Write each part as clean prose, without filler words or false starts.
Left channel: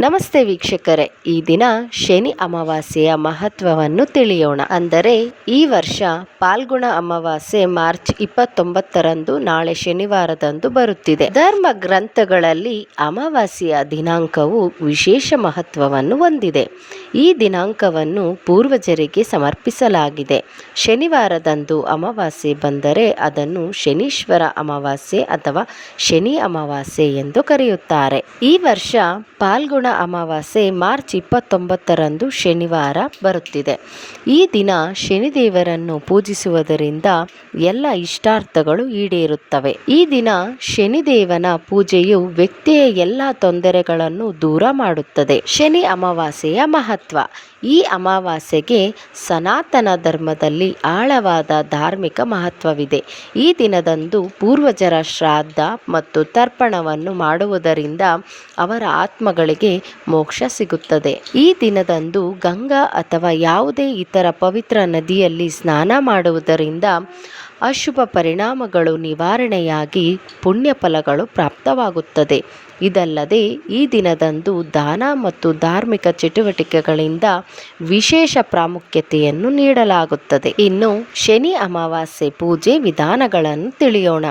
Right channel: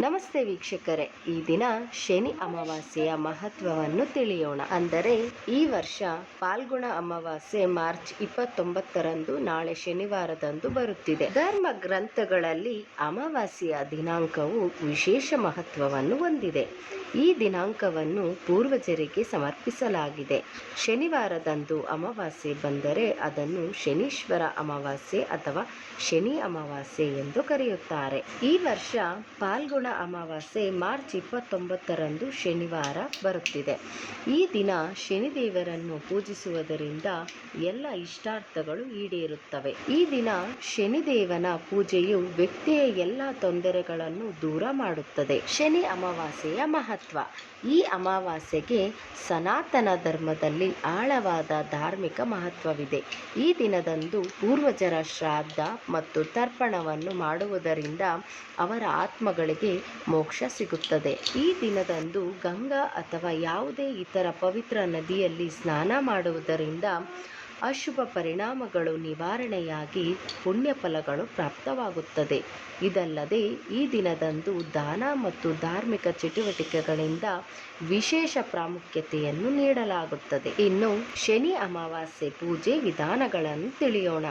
ನಮಸ್ತೆ ವೀಕ್ಷಕರೇ, ಈ ದಿನ ಶನಿ ಅಮಾವಾಸ್ಯೆಯ ಮಹತ್ವವನ್ನು ತಿಳಿಯೋಣ. ಅಂದರೆ ಈ ವರ್ಷ ಪಾಲ್ಗುಣ ಅಮಾವಾಸ್ಯೆ ಮಾರ್ಚ್ 29ರಂದು, ನಾಳೆ ಶನಿವಾರದಂದು ಬರುತ್ತಿದೆ. ಧರ್ಮ ಗ್ರಂಥಗಳಲ್ಲಿ ಅಮಾವಾಸ್ಯೆಯ ದಿನಾಂಕವು ವಿಶೇಷ ಮಹತ್ವವನ್ನು ಹೊಂದಿದೆ. ಈ ದಿನಾಂಕವನ್ನು ಪೂರ್ವಜರಿಗೆ ಸಮರ್ಪಿಸಲಾಗಿದೆ. ಶನಿವಾರದಂದು ಅಮಾವಾಸ್ಯೆ ಬಂದರೆ ಅದನ್ನು ಶನೀಶ್ವರ ಅಮಾವಾಸ್ಯೆ ಅಥವಾ ಶನಿ ಅಮಾವಾಸ್ಯೆ ಎಂದು ಕರೆಯುತ್ತಾರೆ. ಈ ವರ್ಷ ಪಾಲ್ಗುಣ ಅಮಾವಾಸ್ಯೆ ಮಾರ್ಚ್ 29ರಂದು ಶನಿವಾರ ಬರುತ್ತಿದೆ. ಈ ದಿನ ಶನಿದೇವರನ್ನು ಪೂಜಿಸುವುದರಿಂದ ಎಲ್ಲ ಇಷ್ಟಾರ್ಥಗಳು ಈಡೇರುತ್ತವೆ. ಈ ದಿನ ಶನಿದೇವನ ಪೂಜೆಯು ವ್ಯಕ್ತಿಯ ಎಲ್ಲ ತೊಂದರೆಗಳನ್ನು ದೂರ ಮಾಡುತ್ತದೆ. ಶನಿ ಅಮಾವಾಸ್ಯೆಯ ಮಹತ್ವ. ಈ ಅಮಾವಾಸ್ಯೆಗೆ ಸನಾತನ ಧರ್ಮದಲ್ಲಿ ಆಳವಾದ ಧಾರ್ಮಿಕ ಮಹತ್ವವಿದೆ. ಈ ದಿನದಂದು ಪೂರ್ವಜರ ಶ್ರಾದ್ದ ಮತ್ತು ತರ್ಪಣವನ್ನು ಮಾಡುವುದರಿಂದ ಅವರ ಆತ್ಮಗಳಿಗೆ ಮೋಕ್ಷ ಸಿಗುತ್ತದೆ. ಈ ದಿನದಂದು ಗಂಗಾ ಅಥವಾ ಯಾವುದೇ ಇತರ ಪವಿತ್ರ ನದಿಯಲ್ಲಿ ಸ್ನಾನ ಮಾಡುವುದರಿಂದ ಅಶುಭ ಪರಿಣಾಮಗಳು ನಿವಾರಣೆಯಾಗಿ ಪುಣ್ಯ ಫಲಗಳು ಪ್ರಾಪ್ತವಾಗುತ್ತದೆ. ಇದಲ್ಲದೆ ಈ ದಿನದಂದು ದಾನ ಮತ್ತು ಧಾರ್ಮಿಕ ಚಟುವಟಿಕೆಗಳಿಂದ ವಿಶೇಷ ಪ್ರಾಮುಖ್ಯತೆಯನ್ನು ನೀಡಲಾಗುತ್ತದೆ. ಇನ್ನು ಶನಿ ಅಮಾವಾಸ್ಯೆ ಪೂಜೆ ವಿಧಾನಗಳನ್ನು ತಿಳಿಯೋಣ.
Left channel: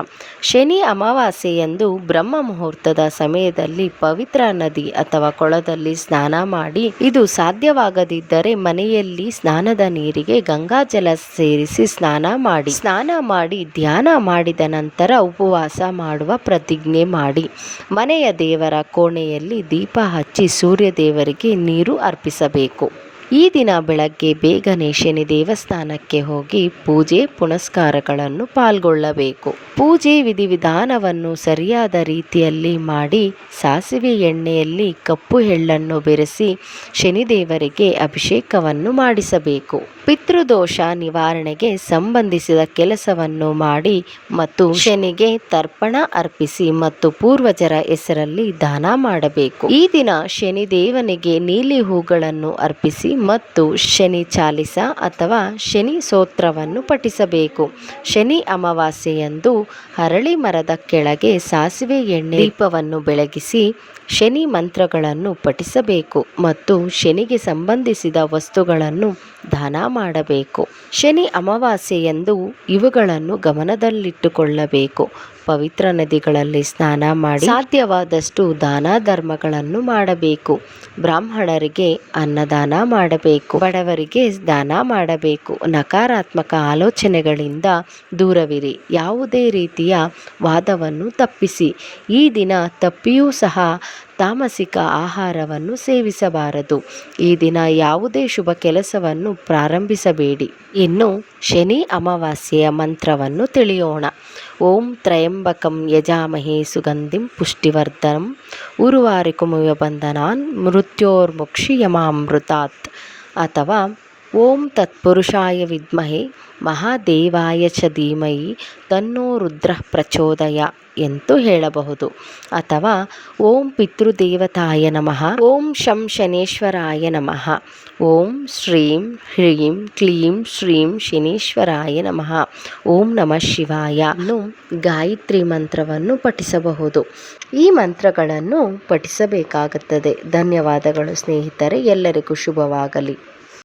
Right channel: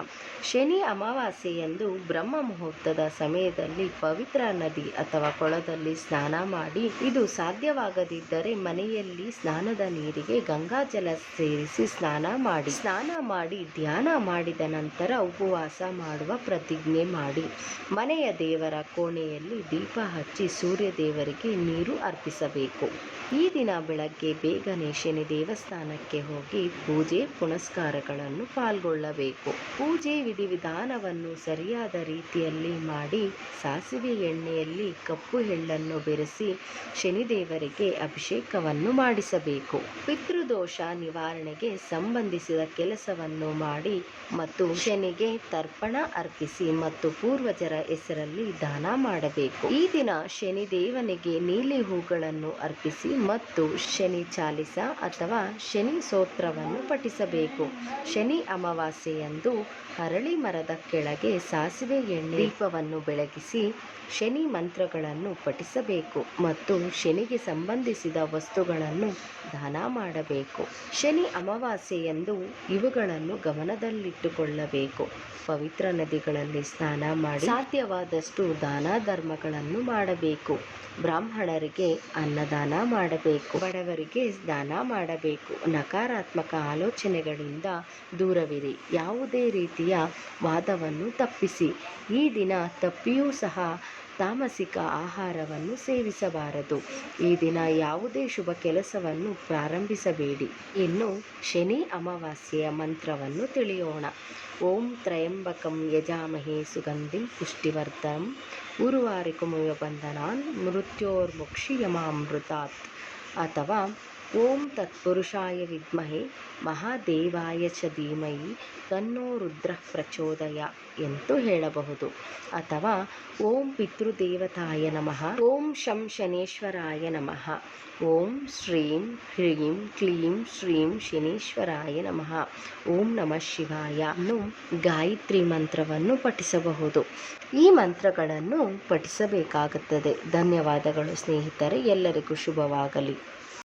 ಶನಿ ಅಮಾವಾಸ್ಯೆಯಂದು ಬ್ರಹ್ಮ ಮುಹೂರ್ತದ ಸಮಯದಲ್ಲಿ ಪವಿತ್ರ ನದಿ ಅಥವಾ ಕೊಳದಲ್ಲಿ ಸ್ನಾನ ಮಾಡಿ, ಇದು ಸಾಧ್ಯವಾಗದಿದ್ದರೆ ಮನೆಯಲ್ಲಿ ಸ್ನಾನದ ನೀರಿಗೆ ಗಂಗಾಜಲ ಸೇರಿಸಿ ಸ್ನಾನ ಮಾಡಿ ಧ್ಯಾನ ಮಾಡಿದ ನಂತರ ಉಪವಾಸ ಮಾಡುವ ಪ್ರತಿಜ್ಞೆ ಮಾಡಿ, ಮನೆಯ ದೇವರ ಕೋಣೆಯಲ್ಲಿ ದೀಪ ಹಚ್ಚಿ ಸೂರ್ಯ ದೇವರಿಗೆ ನೀರು ಅರ್ಪಿಸಬೇಕು. ಈ ದಿನ ಬೆಳಗ್ಗೆ ಬೇಗನೆ ಶನಿ ದೇವಸ್ಥಾನಕ್ಕೆ ಹೋಗಿ ಪೂಜೆ ಪುನಸ್ಕಾರಗಳನ್ನು ಪಾಲ್ಗೊಳ್ಳಬೇಕು. ಪೂಜೆ ವಿಧಿವಿಧಾನವನ್ನು ಸರಿಯಾದ ರೀತಿಯಲ್ಲಿ ಮಾಡಿ, ಸಾಸಿವೆ ಎಣ್ಣೆಯಲ್ಲಿ ಕಪ್ಪು ಎಳ್ಳನ್ನು ಬೆರೆಸಿ ಶನಿದೇವರಿಗೆ ಅಭಿಷೇಕವನ್ನು ಮಾಡಿಸಬೇಕು. ಪಿತೃದೋಷ ನಿವಾರಣೆಗೆ ಸಂಬಂಧಿಸಿದ ಕೆಲಸವನ್ನು ಮಾಡಿ ಮತ್ತು ಶನಿಗೆ ತರ್ಪಣ ಅರ್ಪಿಸಿ ಮತ್ತು ಪೂರ್ವಜರ ಹೆಸರಲ್ಲಿ ದಾನ ಮಾಡಬೇಕು. ಈ ದಿನ ಶನಿದೇವನಿಗೆ ನೀಲಿ ಹೂಗಳನ್ನು ಅರ್ಪಿಸಿ ಮತ್ತು ಶನಿ ಚಾಲಿಸ ಅಥವಾ ಶನಿ ಸ್ತೋತ್ರವನ್ನು ಪಠಿಸಬೇಕು. ಶನಿ ಅಮಾವಾಸ್ಯೆಯಂದು ಅರಳಿ ಮರದ ಕೆಳಗೆ ಸಾಸಿವೆ ಎಣ್ಣೆ ದೀಪವನ್ನು ಬೆಳಗಿಸಿ ಶನಿ ಮಂತ್ರಗಳನ್ನು ಪಠಿಸಬೇಕು ಮತ್ತು ಶನಿಗೆ ಸಂಬಂಧಿಸಿದ ವಸ್ತುಗಳನ್ನು ದಾನ ಮಾಡಬೇಕು. ಶನಿ ಅಮಾವಾಸ್ಯೆಯಂದು ಇವುಗಳನ್ನು ಗಮನದಲ್ಲಿಟ್ಟುಕೊಳ್ಳಬೇಕು. ಪವಿತ್ರ ನದಿಗಳಲ್ಲಿ ಸ್ನಾನ ಮಾಡಿ ಸಾಧ್ಯವಾದಷ್ಟು ದಾನ ಧರ್ಮಗಳನ್ನು ಮಾಡಬೇಕು. ಬ್ರಾಹ್ಮಣರಿಗೆ ಅನ್ನದಾನ ಮಾಡಬೇಕು. ಬಡವರಿಗೆ ದಾನ ಮಾಡಬೇಕು. ನಕಾರಾತ್ಮಕ ಆಲೋಚನೆಗಳಿಂದ ದೂರವಿರಿ. ಯಾವುದೇ ರೀತಿಯ ವಾದವನ್ನು ತಪ್ಪಿಸಿ. ಈ ದಿನ ತಪ್ಪಿಯೂ ಸಹ ತಾಮಸಿಕ ಆಹಾರವನ್ನು ಸೇವಿಸಬಾರದು. ಈ ದಿನ ಯಾವುದೇ ಶುಭ ಕೆಲಸವನ್ನು ಪ್ರಾರಂಭಿಸಬೇಡಿ. ಇನ್ನು ಶನಿ ಅಮಾವಾಸ್ಯೆಯ ಮಂತ್ರವನ್ನು ತಿಳಿಯೋಣ. ಓಂ ತ್ರಯಂಬಕಂ ಯಜಾಮಹೇ ಸುಗಂಧಿಂ ಪುಷ್ಟಿವರ್ಧನಂ ಉರ್ವಾರಿಕಮಿವ ಬಂಧನಾನ್ ಮೃತ್ಯೋರ್ಮುಕ್ಷೀಯಮಾಮೃತಾತ್ ಅಥವಾ ಓಂ ತತ್ಪುರುಷಾಯ ವಿದ್ಮಹೇ ಮಹಾದೇವಾಯ ಚ ಧೀಮಹಿ ತನ್ನೋ ರುದ್ರ ಪ್ರಚೋದಯ ಎಂದು ಹೇಳಬಹುದು. ಅಥವಾ ಓಂ ಪಿತೃದೇವತಾಯ ನಮಃ, ಓಂ ಶಂ ಶನೇಶ್ವರಾಯ ನಮಃ, ಓಂ ಶ್ರೀಂ ಹ್ರೀಂ ಕ್ಲೀಂ ಶ್ರೀಂ ಶನೀಶ್ವರಾಯ ನಮಃ, ಓಂ ನಮಃ ಶಿವಾಯ ಅನ್ನು ಗಾಯತ್ರಿ ಮಂತ್ರವನ್ನು ಪಠಿಸಬಹುದು. ಈ ಮಂತ್ರಗಳನ್ನು ಪಠಿಸಬೇಕಾಗುತ್ತದೆ. ಧನ್ಯವಾದಗಳು ಸ್ನೇಹಿತರೆ, ಎಲ್ಲರಿಗೂ ಶುಭವಾಗಲಿ.